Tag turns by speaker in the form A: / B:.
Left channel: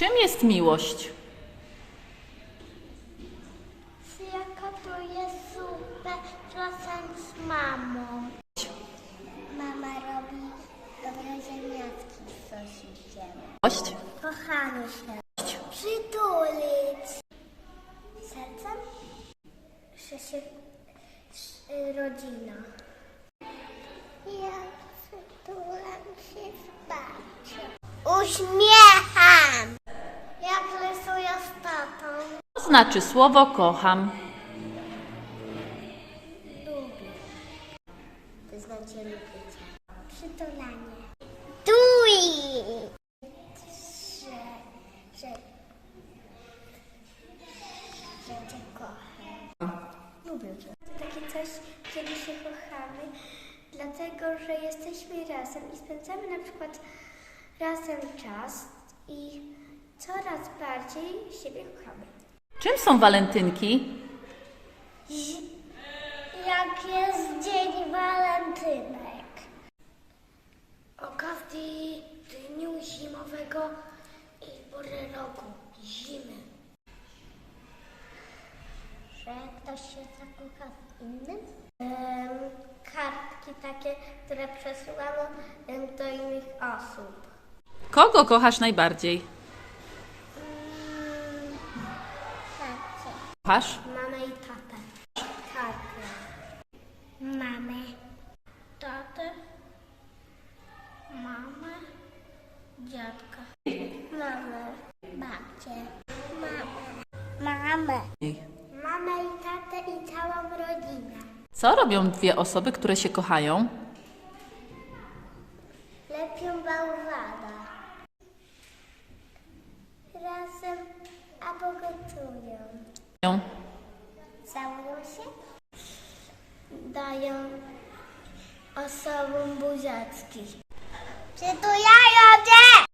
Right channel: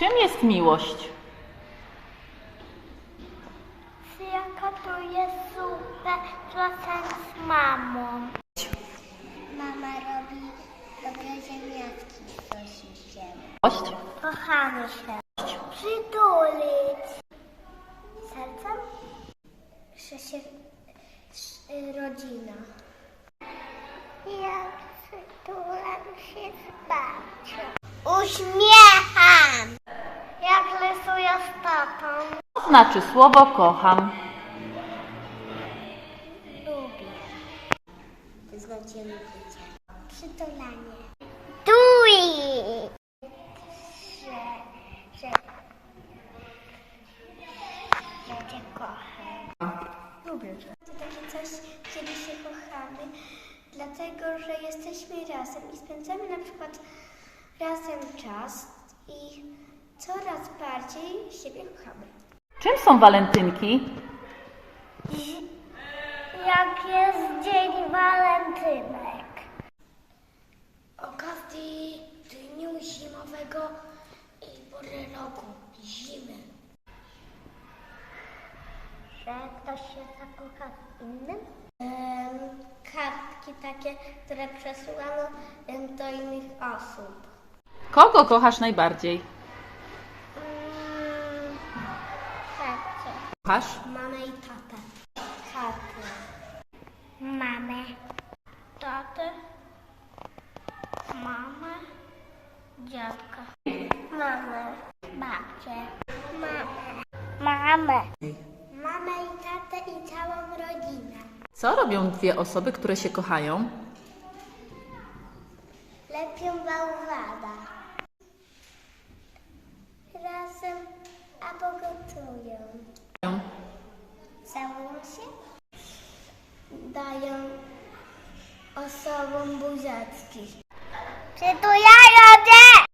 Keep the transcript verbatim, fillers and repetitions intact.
A: Czym jest miłość?
B: Ja gotuję zupę razem z mamą. Mama robi dobre ziemniaczki z sosiskiem.
A: Miłość?
B: Kochamy się. Przytulić. Sercem? Że się y, rodzina. Ja przytulam się z babcią. Uśmiecham. Jak rysuję z tatą.
A: Co znaczy słowo kocham?
B: Lubię. To znaczy lubicie. Przytulanie. Tuj! Że, że, że cię kocham. Lubię cię. To takie coś, kiedy się kochamy, dlatego, że jesteśmy razem i spędzamy na przykład razem czas i coraz bardziej siebie kochamy.
A: Czym są walentynki?
B: Jak jest Dzień Walentynek? Okazji dniu zimowego i pory roku, zimy. Że ktoś się zakocha w innym? Um, kartki takie, które przesyłano um, do innych osób.
A: Kogo kochasz najbardziej?
B: Um, tatę.
A: Kochasz?
B: Mamę i tatę. Tatę. Mamę. Tatę. Mamę. Dziadka. Mamę. Babcię. Mamę. Mamę. Mamę i tatę i całą rodzinę.
A: Co robią dwie osoby, które się kochają?
B: Lepią bałwana. Razem albo gotują. Całują się? Dają osobom buziaczki. Przytulają się!